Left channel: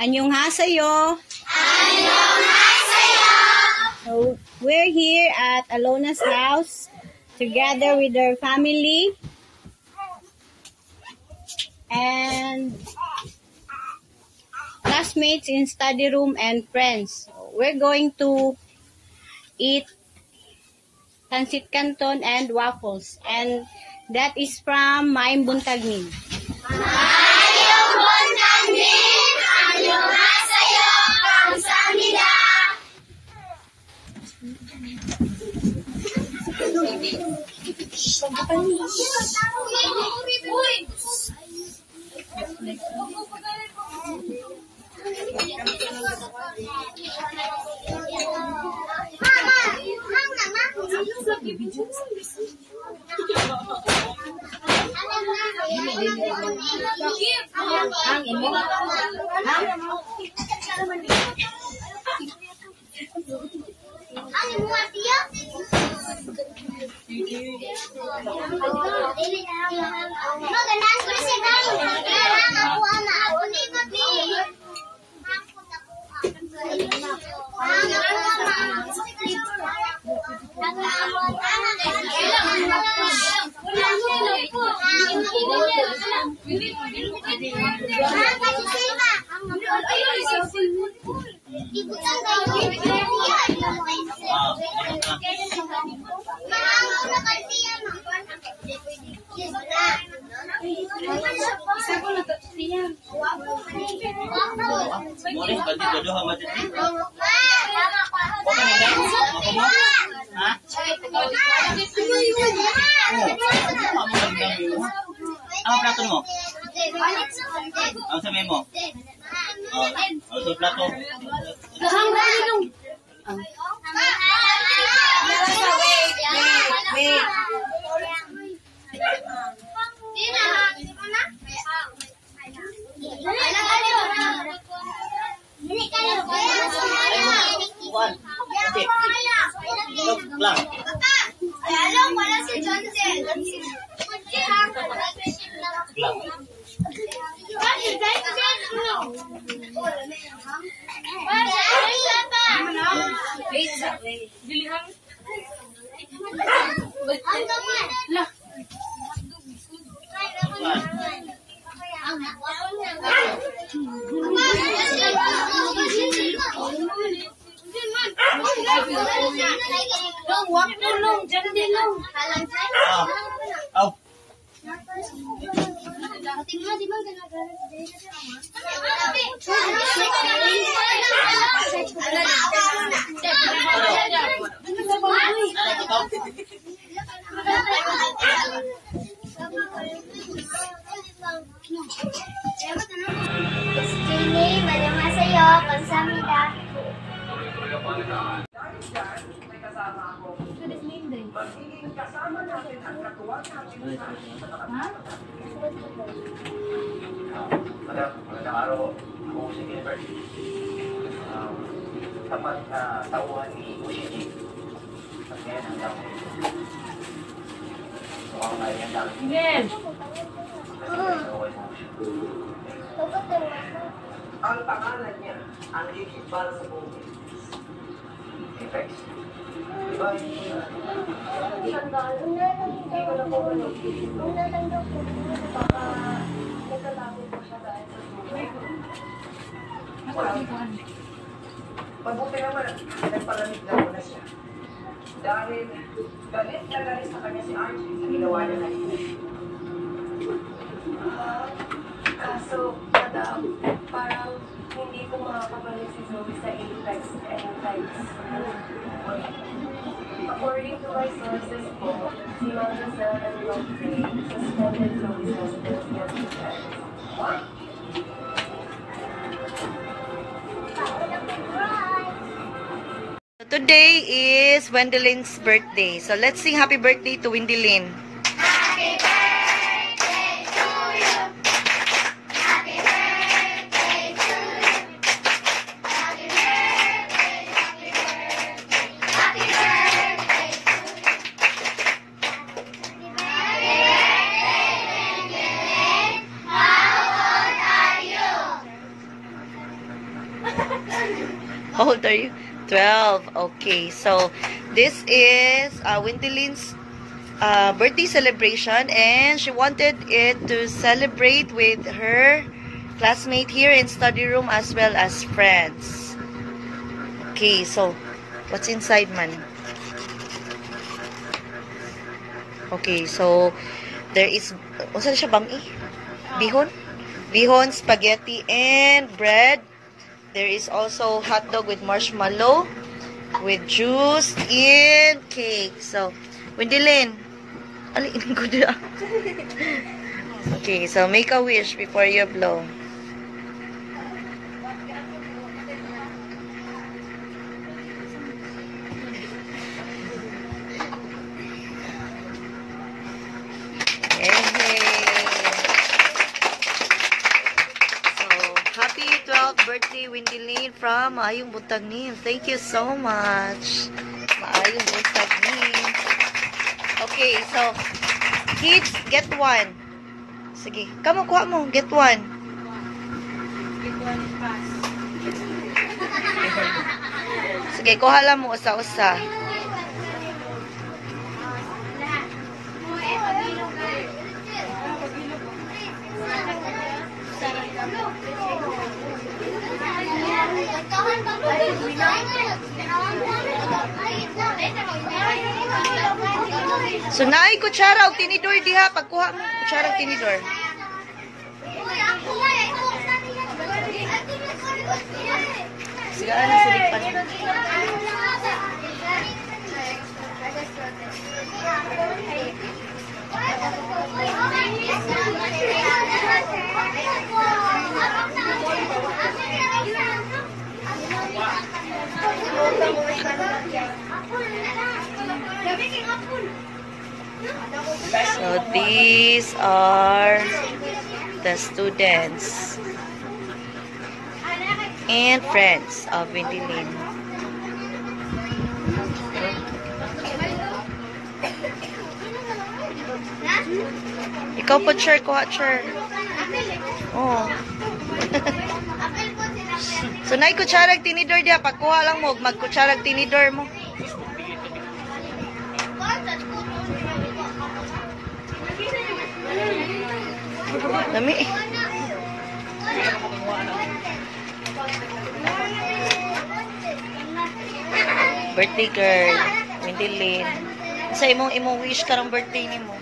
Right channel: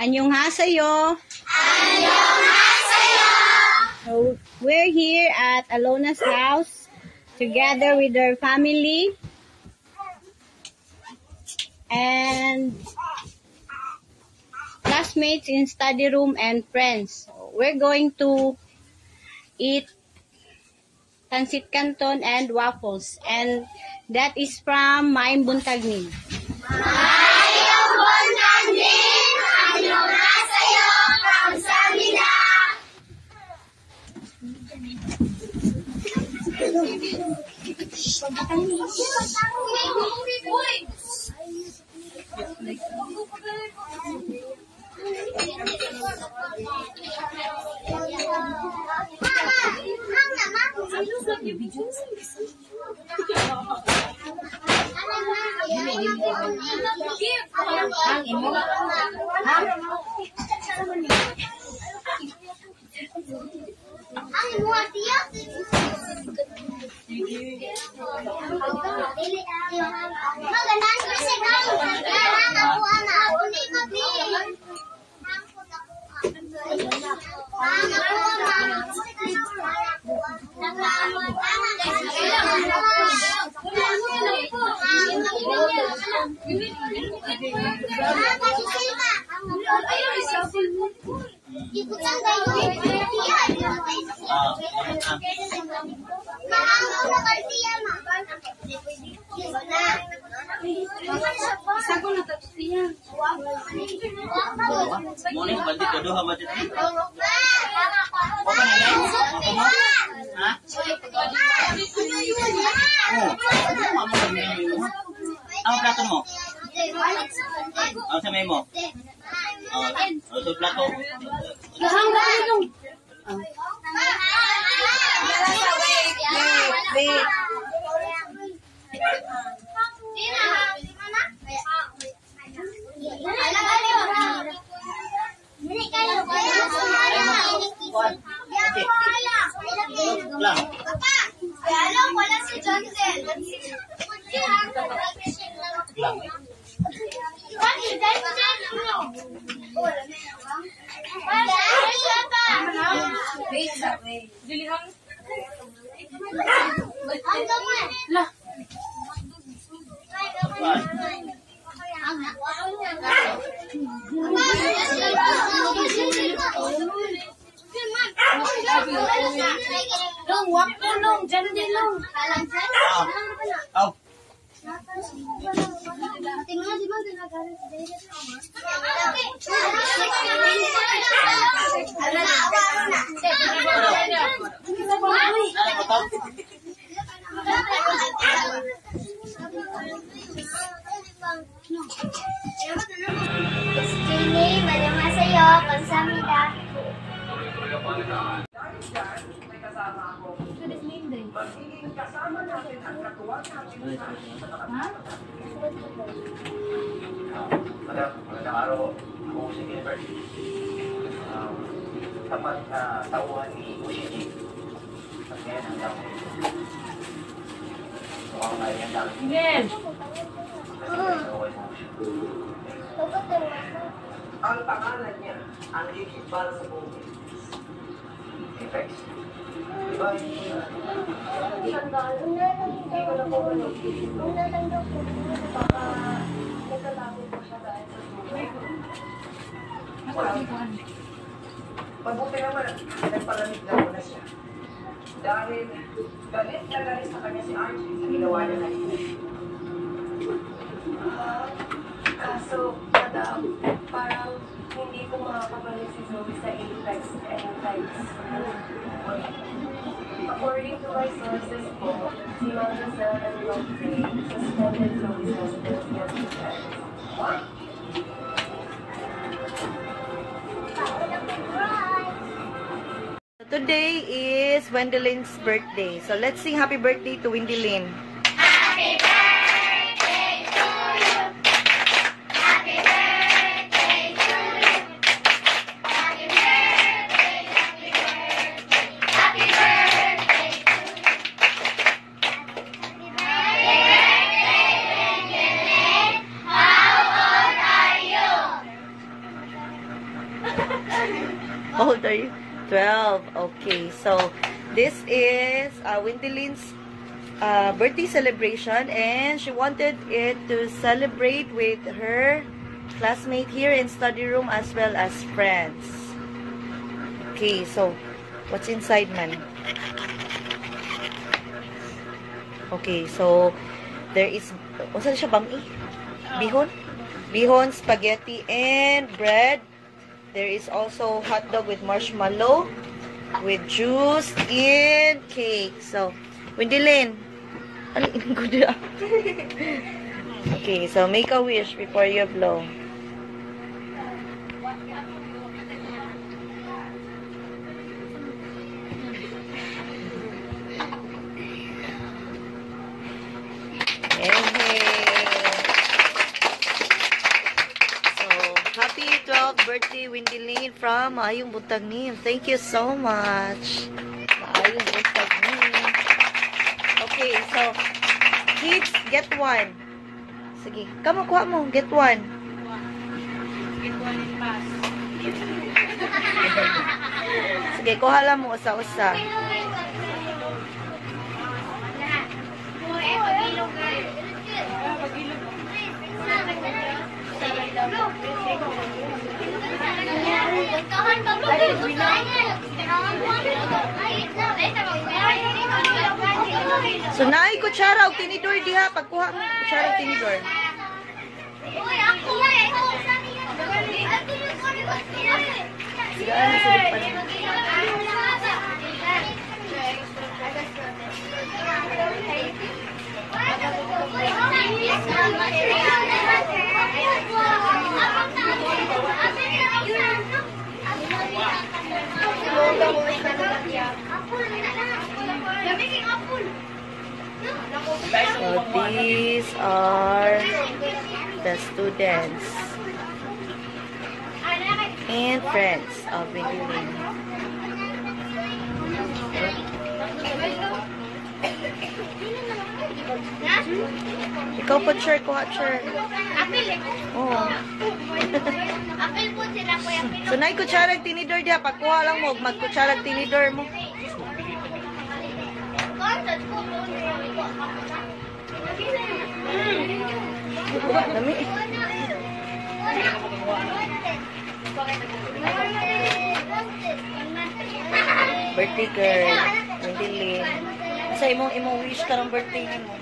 Annyeonghaseyo. Annyeonghaseyo. So we're here at Alona's house together with her family and classmates in study room and friends. So we're going to eat pancit canton and waffles, and that is from Maim Buntagnin. Maim Buntagnin, annyeonghaseyo, 감사합니다. Ano plato mo? Ano sa may mo? Ano sa plato? Wala si Johnson. Annyeonghaseyo, 감사합니다. Magiging kasama natin ang katuwang natin. Magandang araw. Ako si Gilbert. Tapat na tauhan ni Ushiji. At ngayon hanggang mukhang ngayon lang. Yes! Ang pangalan niya, ang higit-bal sa buong Effects. Diba? Hindi ko na po malog. Baka nagkatago po siya dahil sa buhay. Mabuti naman, nagpalamig na muna siya. Dahil galit na galit sa kanya si Archie sa ginawa niya na ito. Kaso, madam, parang hindi ko makakabalik si Zoe sa Apex anytime soon. According to my sources po, si Mademoiselle and Godfrey suspended Zoe's residency at the Fed. What? Today is Wendelyn's birthday. So let's sing happy birthday to Wendelyn. Happy birthday to you. Happy birthday to you. Happy birthday, happy birthday, happy birthday to you. Happy birthday, Wendelyn. How old are you? How old are you? 12. Okay, so this is Windylin's birthday celebration, and she wanted it to celebrate with her classmate here in study room as well as friends. Okay, so what's inside, man? Okay, so there is, what's siya, bami? Bihon? Bihon, spaghetti, and bread. There is also hot dog with marshmallow, with juice, and cake. So, Windylin, alin ko dyan. Okay, so make a wish before you blow. Happy 12th birthday, Windylin, from Maayong Buntag Nin. Thank you so much. Maayong Buntag Nin. Okay, so, kids, get one. Sige, kamo, kuha mo. Get one. Get one pass. Sige, kuha lang mo usa-usa. So, naay kutsara o tinidor diha. Pagkuha mo, kutsara o tinidor. Sige, ano sa lipan? So these are the students and friends of Windylin. Ikaw po, sure, kuha, sure. Oh. So, naay kutsarag tinidor diya. Pagkuha lang mo, magkutsarag tinidor mo. Dami. Birthday girl, Windylin. Sa imong wish karang birthday nimo.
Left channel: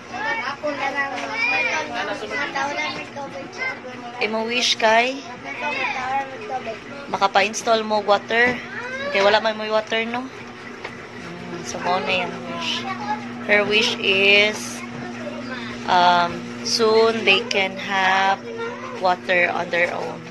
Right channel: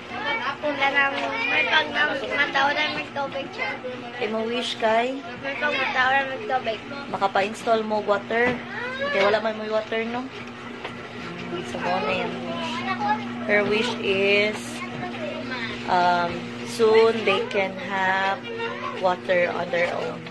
Ako na lang, may pag-matawaran mag-tubig siya. Imong wish kay May pag-matawaran mag-tubig. makapa-install mo water. Okay, wala man mo water, no? So, mo na yung wish. Her wish is soon they can have water on their own.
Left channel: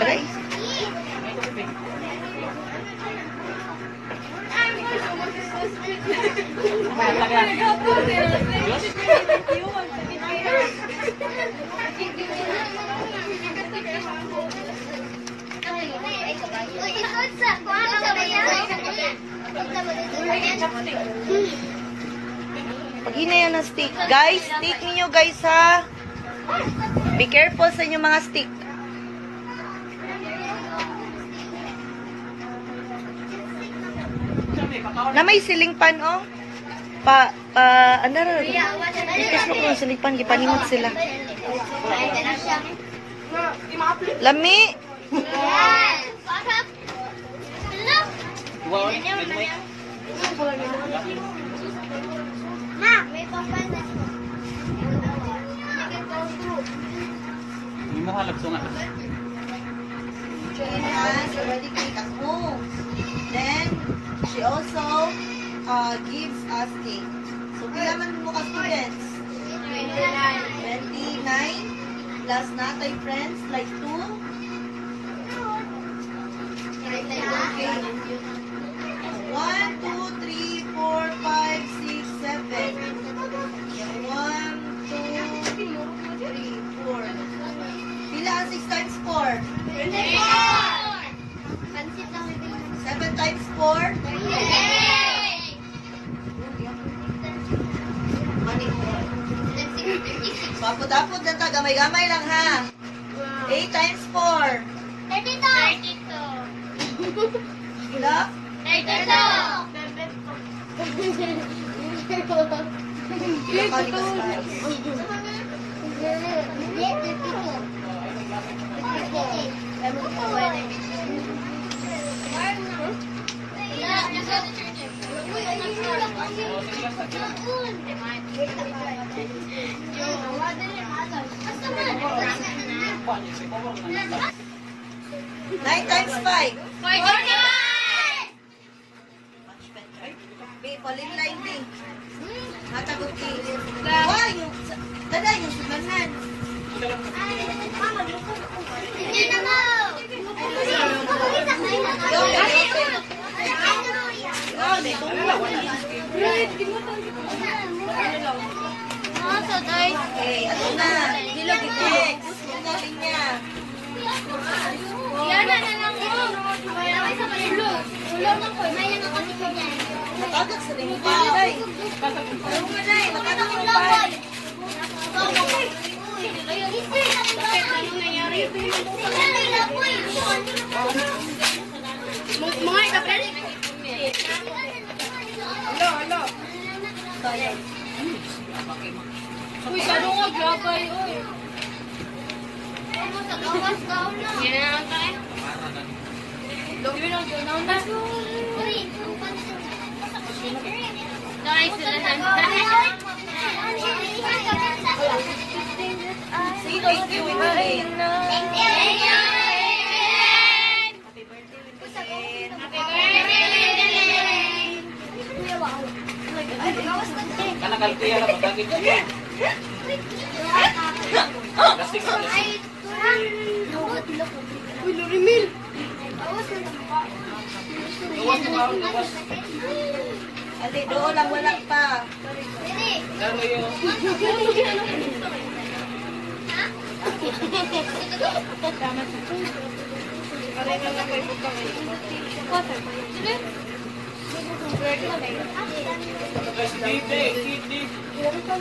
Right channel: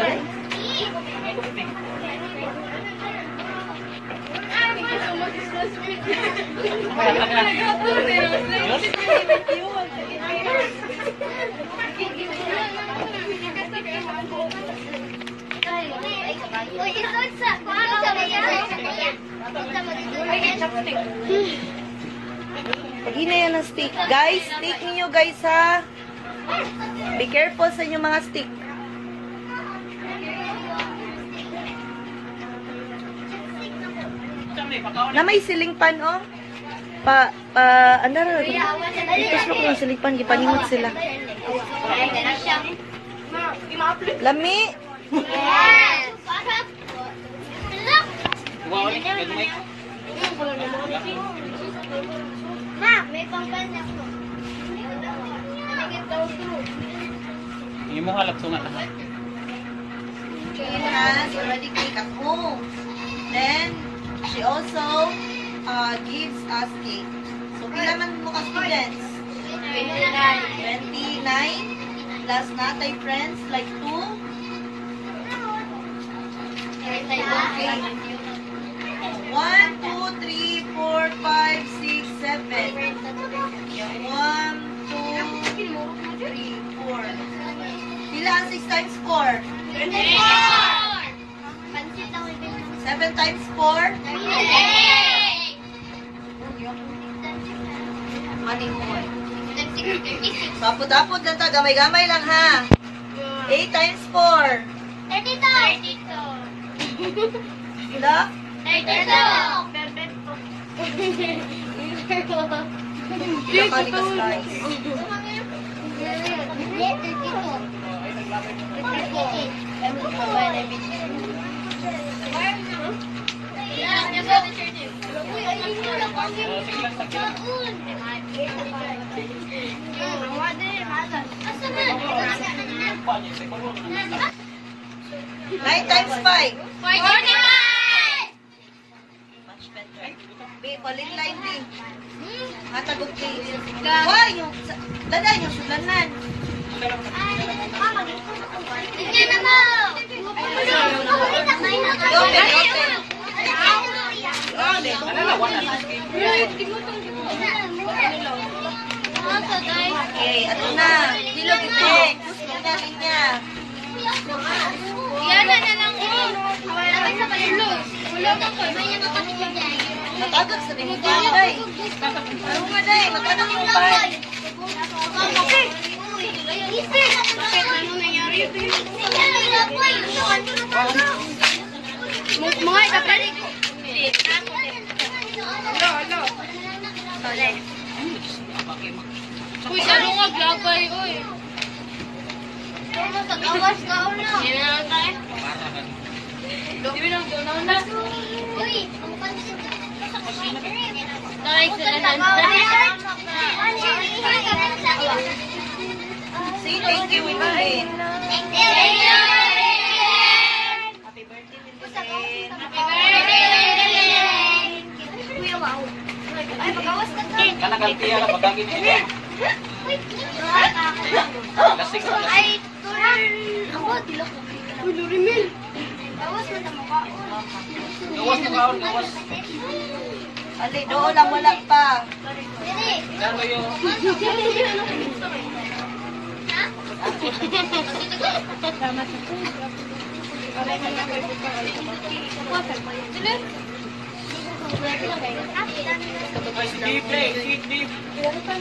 Aray. Paghina yan ng stick. Guys, stick ninyo guys ha. Be careful sa inyong mga stick. Na may siling pan, oh. Ano itos mo kung siling pan, gipanimot sila. Lami! Ma, may pampandas mo. Yung mga lagsungan. Jane has already cake at home. Then, she also gives us cake. So, pila man mo ka students? 29. Plus natay friends, like 2. Okay. 1, 2, 3, 4, 5, 6, 7. 1, 2, 3, 4. Pila ang 6 times 4? 24. 7 times 4? Money mo. Papud-apod lang ta. Gamay-gamay lang ha. 8 times 4. 32. Sila? 32. Sila ka ni Kastais. Nine times 5. Be, paling line din. Matagod di. Why? Dada, yung sudanan. Okay, ato na. Dilog next. Linya. Natagod sa rin pa, day. Ano nga, day? Natagod yung pa. Mga ikapalit. Uy, saro nga glabay, uy. Sa gawas ka, ulo. Uy, taray sila Say thank you, Winnie. Happy birthday, Winnie. Kanagaltiya na magagin ko. Lasing ko. Ay, tuloy. Uy, Lorimil. Bawas na tamo ka. Gawas na kaon, gawas. Ali, doon lang wala pa. Lalo yung... Kapag si Dave, kita sumpah.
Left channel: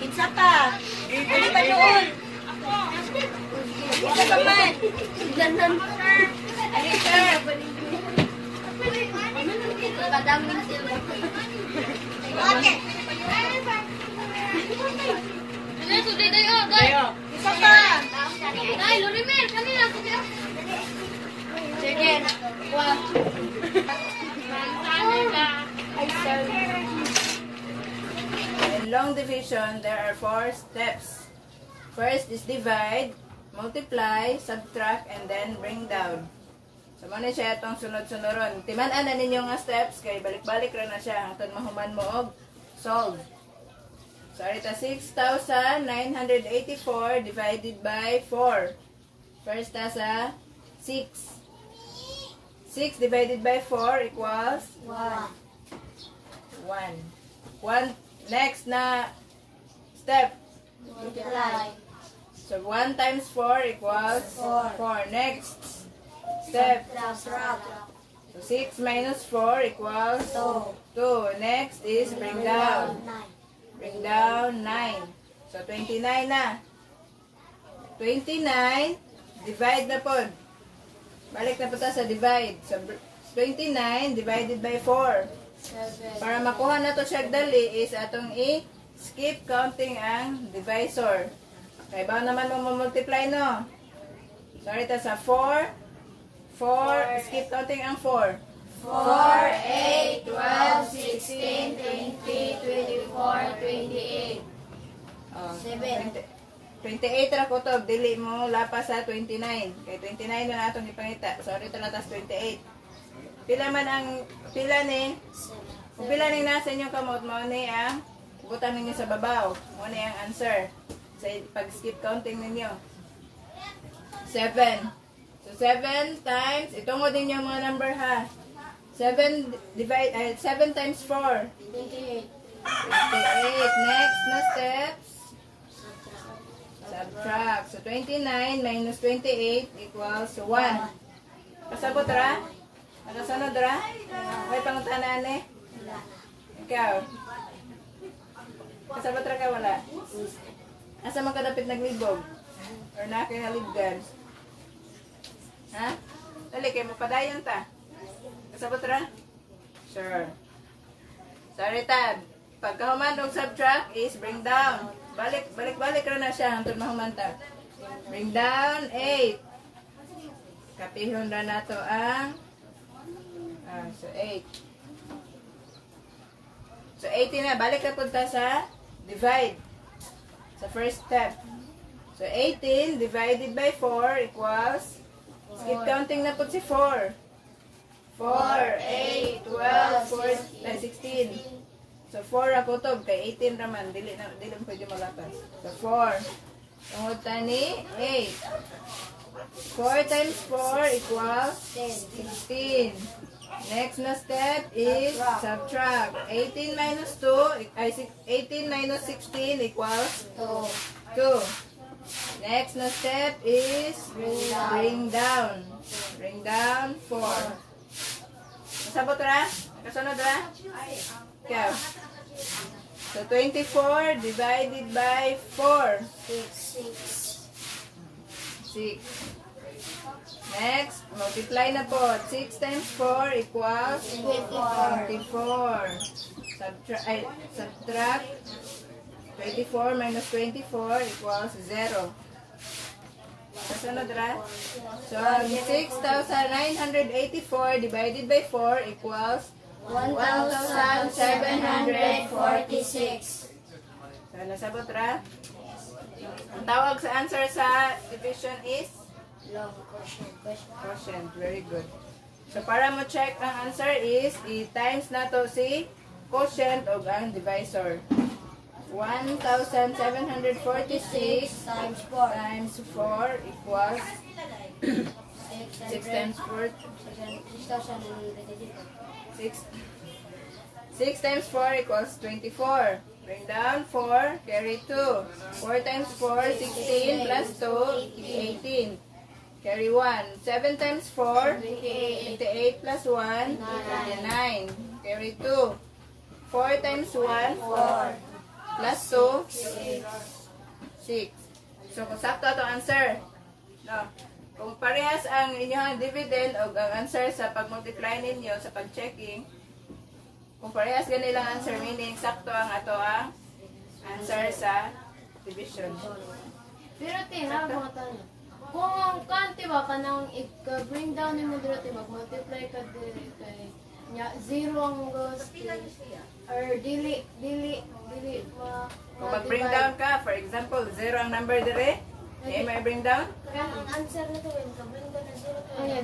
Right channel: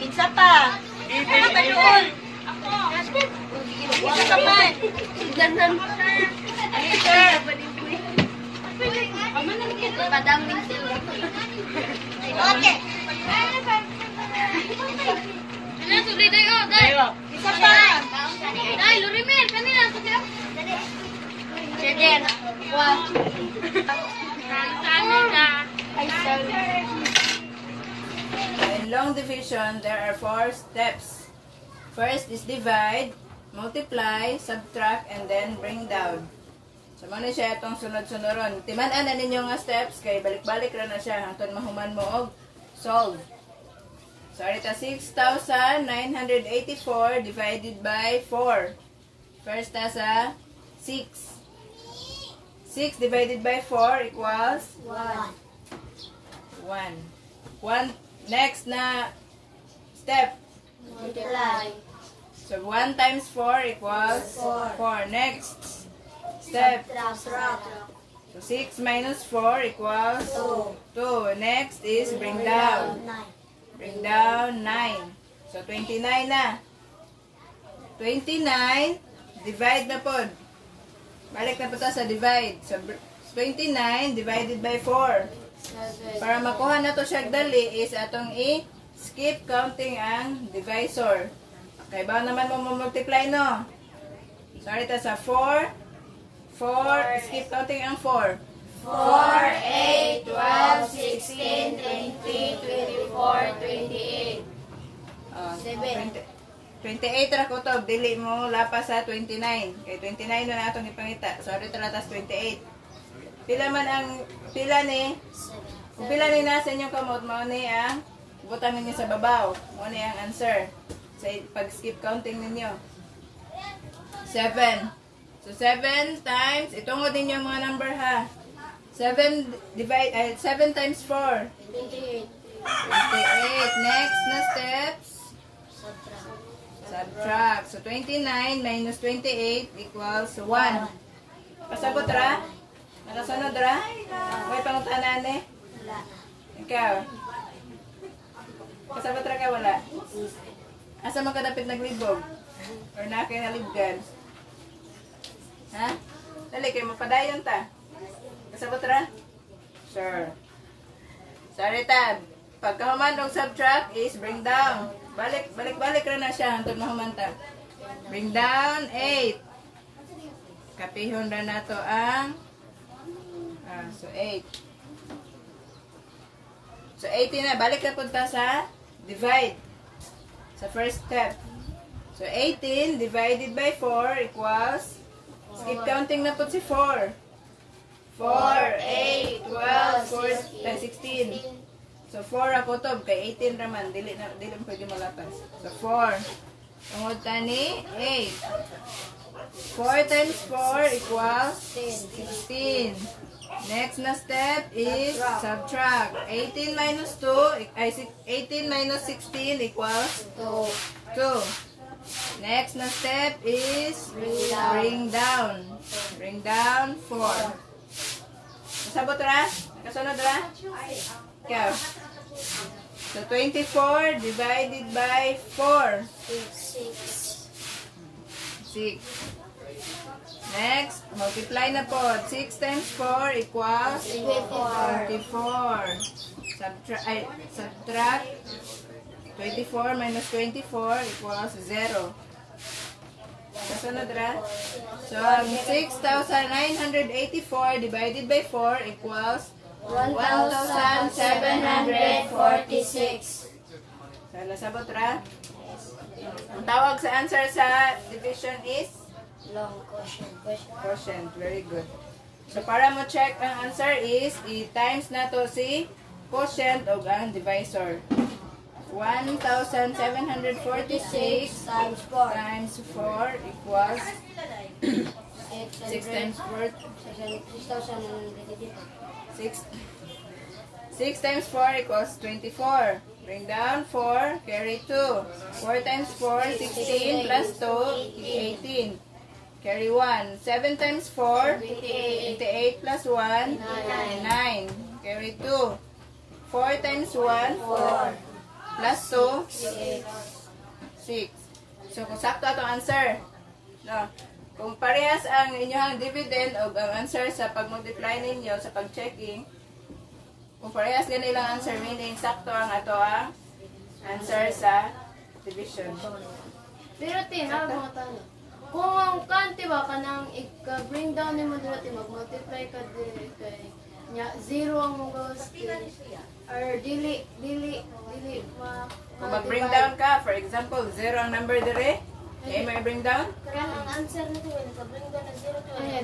Pinsa pa. Ano pa doon? Isa pa man. Ganon. Ali, sir. Padaming sila. Okay. Ano to dayo, dayo. Isa pa. Ay, Lorimel, kanina sa sila. Jen. Wow. Ay, sorry. In long division, there are 4 steps. First is divide, multiply, subtract, and then bring down. So, muna siya itong sunod-sunuron. Timan-an na ninyo nga steps, kay balik-balik ra na siya hangtod mahuman mo og solve. So, arita 6,984 divided by 4. First sa 6. 6 divided by 4 equals 1. 1. Next na step. Multiply. So 1 times 4 equals 4. Next step. Subtract. So 6 minus 4 equals 2. Next is bring down. Bring down 9. So 29 na. 29 divide na pod. Balik na po ta sa divide. So 29 divided by 4. Para makuha na to siya dali is atong i-skip counting ang divisor. Kaya ba naman mo multiply no? So ito sa 4, skip counting ang 4. 4, 8, 12, 16, 20, 24, 28. 28 ra ko to, dili mo lapas sa 29. Kaya 29 na natong ipangita. So ito latas 28. Pila ni nasa inyong kamot mo ni 1, Butang ninyo sa babaw. Muna yung answer. Sa pag-skip counting ninyo. 7. So, 7 times, itungod ninyo yung mga number ha. 7 times 4. 28. 28. Next na steps. Subtract. So, 29 minus 28 equals 1. Pasabot ra? Nakasunod ra? May pangutanan eh? Wala. Ikaw? Kasabot ra ka wala? Asa mo kadapit naglibog? Or na kayo nalibgan? Ha? Dali kayo mo padayon ta? Kasabot ra? Sure. Sorry Tad. Pagkahuman ng subtract is bring down. Balik ra na siya hangtod mahumanta. Bring down 8. Kapihon ra na to ang so 8. So 18 na. Balik na punta sa divide. Sa first step. So 18 divided by 4 equals, skip counting na po si 4. 4, 8, 12, 16. So 4 ra po to. Kay 18 raman. Dili mo pwede malapas. So 4. Tungod tani 8. 4 times 4 equals 16. Next na step is subtract. 18 minus 2, 18 minus 16 equals 2. Next na step is bring down. Bring down 4. Masabot ra? Nakasunod ra? Okay. So 24 divided by 4. 6. Next, multiply na po. 6 times 4 equals 24. Subtract 24 minus 24 equals 0. Kasunod ra? So, 6,984 divided by 4 equals 1,746. So, nasabot ra? Ang tawag sa answer sa division is Long quotient. quotient. Very good. So, para mo check ang answer is, i-times na to si quotient o ang divisor. 1,746 Times 4. times 4 equals 6 times 4. 6 times 4 equals 24. Bring down 4, carry 2. 4 times 4, 16 plus 2, 18. Carry 1. 7 times 4, 28 plus 1, 9. Carry 2. 4 times 1, 4. Plus 2, 6. So, kung sakto itong answer. No. Kung parehas ang inyong dividend o ang answer sa pag-multiply ninyo, sa pag-checking, kung parehas ganilang answer, meaning sakto ang ato ang answer sa division. Pero tina, mga tanong. Kung ang kanti ba, kanang i-bring down ni mo dito, mag-multiply ka dito kay zero ang mga or dili Kung mag-bring down ka, for example, 0 ang number dire, may may bring down? Kaya ang answer na to, bring down na zero to, Ay,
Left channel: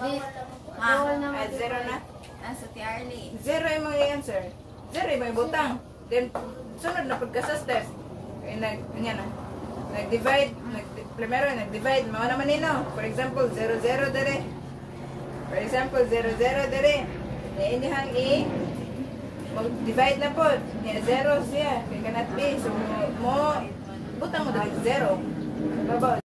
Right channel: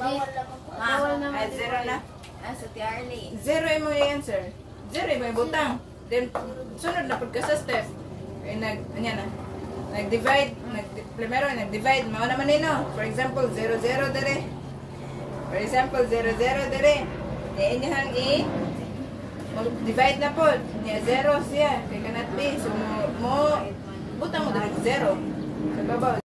bawal naman. 0 na. Sa Tiarly. 0 yung mga answer. 0 yung mga butang. Then, sunod na pagka sa step. Ay, nag-divide. Primero, nag-divide. Mao naman yun, no? For example, 0, 0 dire. For example, 0, 0 dire. Inyahang divide na po. Niya 0 siya. Kaya cannot be. So, butang mo dire 0. Sa babaw.